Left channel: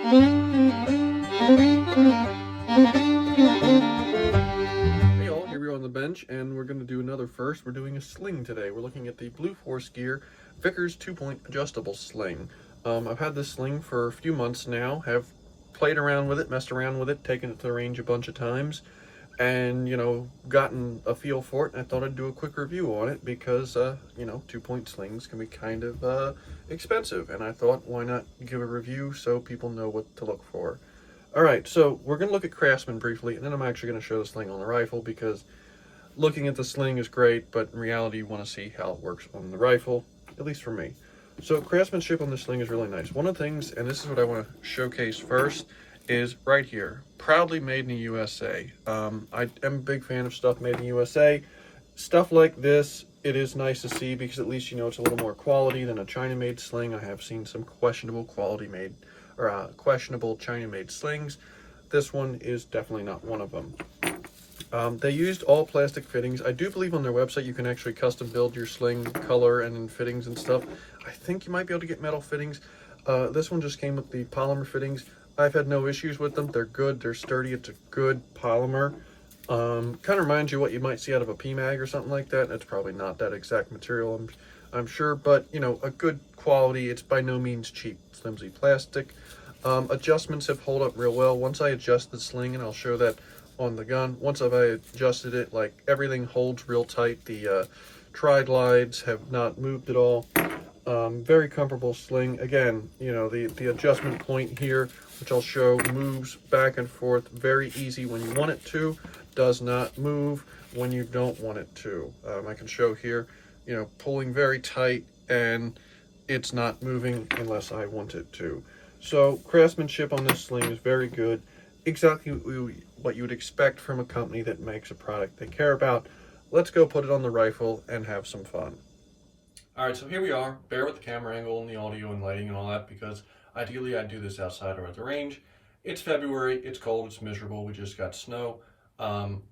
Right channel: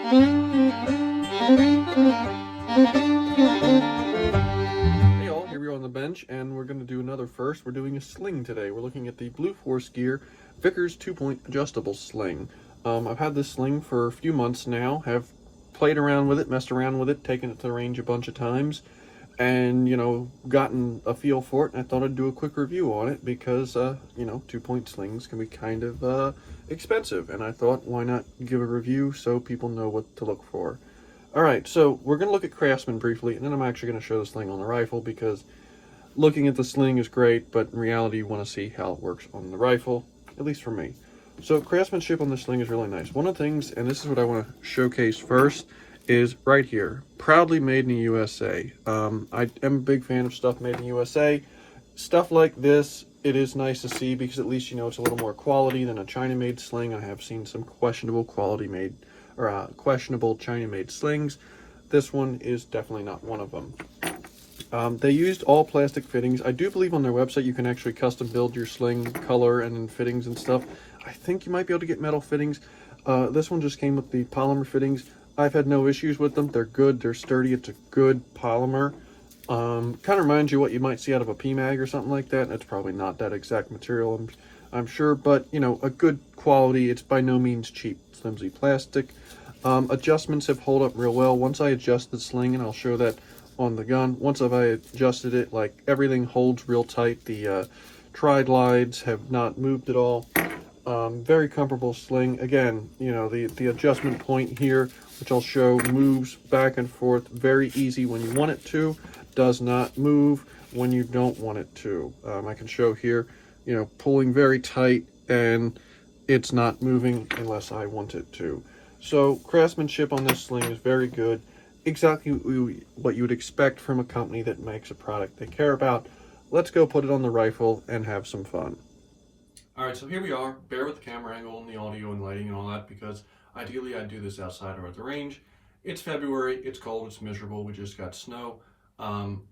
Hey all, here we are on the bench, and we're going to do another first. We're doing a sling today. We're looking at the blue Force Gear Vickers 2-point adjustable sling. I've had this sling for a few months now, have played around with it, messed around with it, taken it to the range a bunch of times, and, gotten a feel for it, and I thought I'd do a quick review on it because, 2-point slings can be kind of expensive, and I thought, why not give a review so people know what to look for. Alright, so we're going to look at Craftsman briefly, and then I'm actually going to show the sling on the rifle, because looking at the sling is great, but in reality you want to see how it works on the rifle, at least for me. So craftsmanship on this sling is really nice. One of the things, and this is what I want to showcase first, is right here, proudly made in the USA. I am a big fan of stuff made in the USA. Stuff like this, it is nice to see, because at least it's a little more quality than a China-made sling. I have seen some questionable questionable China-made slings. This one is definitely not one of them. They used all plastic fittings. I do believe on their website you can actually custom build your sling color and fittings and stuff. I think you might be able to get metal fittings. This one just came with the polymer fittings. I've had no issues with them. They're good, they're sturdy, it's a good polymer. Kind of reminds you what you might see out of a PMAG or something like that. It's probably not that exact material, I'm sure, but a good quality. It's by no means cheap, flimsy plastic. Adjustments have held up real well. Once I adjust the sling, and I'll show that on the gun, once I adjusted it, like, everything holds real tight. The tri-glides have not moved at all. Very comfortable sling. Again, the adjustment point here, which I'll show, moves back and forth very easy when you want it to, does not move when you don't want it to. I can show here, pulling very tight, and it's not moving unless I want it to. So craftsmanship on this sling is very good. Exactly what you would expect from a company that makes a product they care about. Let's go put it on the rifle and have some fun. Alright, so here we are. Bear with the camera angle and the audio and lighting and all that, because ideally I'd do this outside or at the range. It's February, it's cold, it's miserable, we just got snow. I'm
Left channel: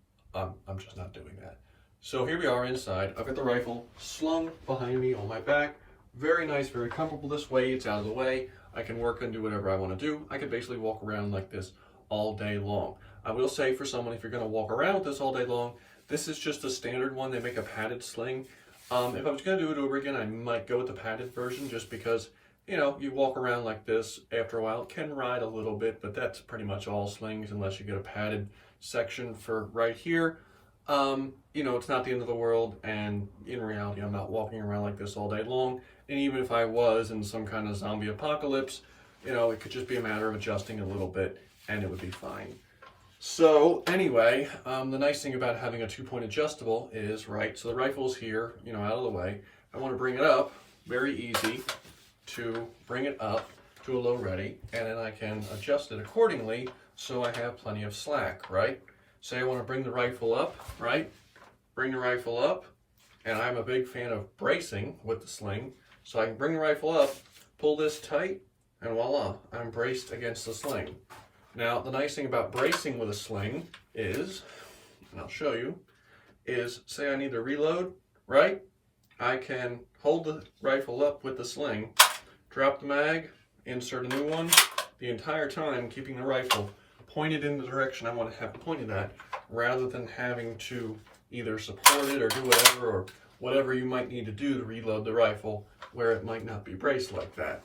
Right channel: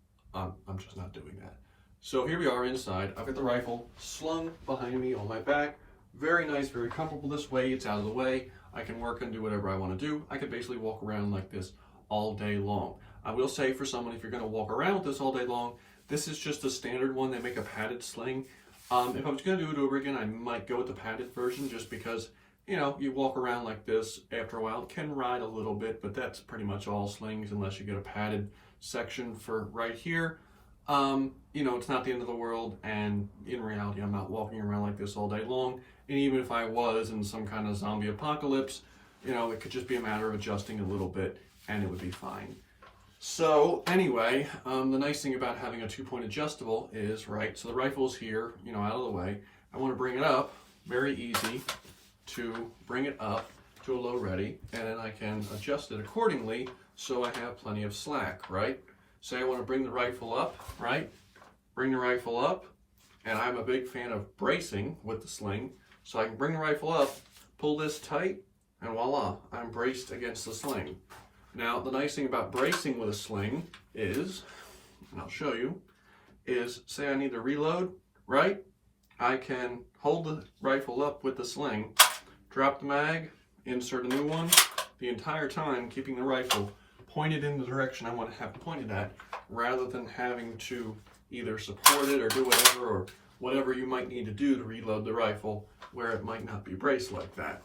just not doing that. So here we are inside. I've got the rifle slung behind me on my back. Very nice, very comfortable this way. It's out of the way. I can work and do whatever I want to do. I could basically walk around like this all day long. I will say, for someone, if you're going to walk around with this all day long, this is just a standard one. They make a padded sling. If I was going to do it over again, I might go with the padded version, just because, you walk around like this after a while. It can ride a little bit, but that's pretty much all slings, unless you get a padded section for right here. It's not the end of the world, and in reality, I'm not walking around like this all day long. And even if I was in some kind of zombie apocalypse, it could just be a matter of adjusting a little bit, and it would be fine. So anyway, the nice thing about having a 2-point adjustable is, so the rifle's here, out of the way. I want to bring it up, very easy to bring it up to a low ready, and then I can adjust it accordingly so I have plenty of slack, right? Say I want to bring the rifle up, bring the rifle up, and I'm a big fan of bracing with the sling, so I can bring the rifle up, pull this tight, and voila, I'm braced against the sling. Now, the nice thing about bracing with a sling is, and I'll show you, is say I need to reload, I can hold the rifle up with the sling, drop the mag, insert a new one, the entire time keeping the rifle pointed in the direction I want to have pointed at, rather than having to either support it or do whatever you might need to do to reload the rifle where it might not be braced like that.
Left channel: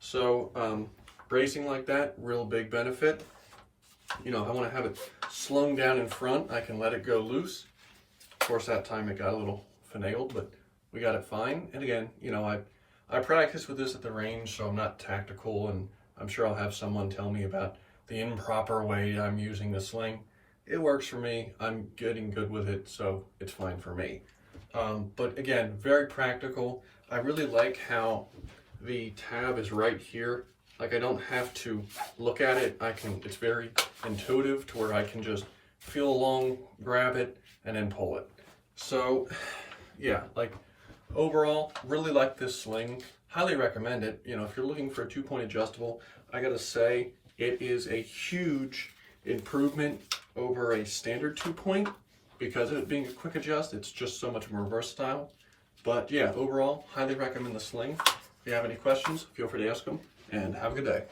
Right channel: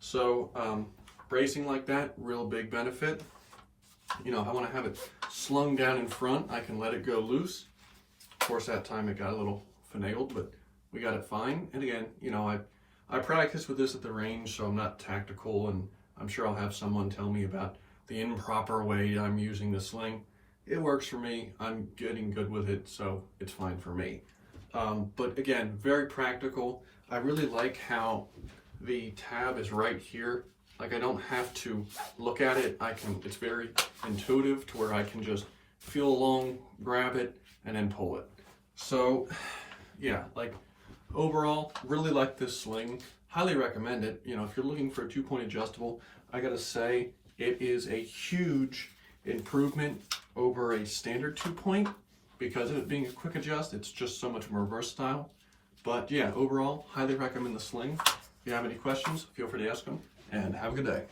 So bracing like that, real big benefit. If I want to have it slung down in front, I can let it go loose. Of course, that time it got a little finagled, but we got it fine. And again, I practice with this at the range, so I'm not tactical, and I'm sure I'll have someone tell me about the improper way I'm using the sling. It works for me. I'm getting good with it, so it's fine for me. But again, very practical. I really like how the tab is right here. Like, I don't have to look at it. It's very intuitive to where I can just feel along, grab it, and then pull it. So yeah, overall, really like this sling. Highly recommend it. If you're looking for a 2-point adjustable, I gotta say, it is a huge improvement over a standard 2-point, because of it being a quick adjust, it's just so much more versatile. But yeah, overall, highly recommend the Sling. If you have any questions, feel free to ask them, and have a good day.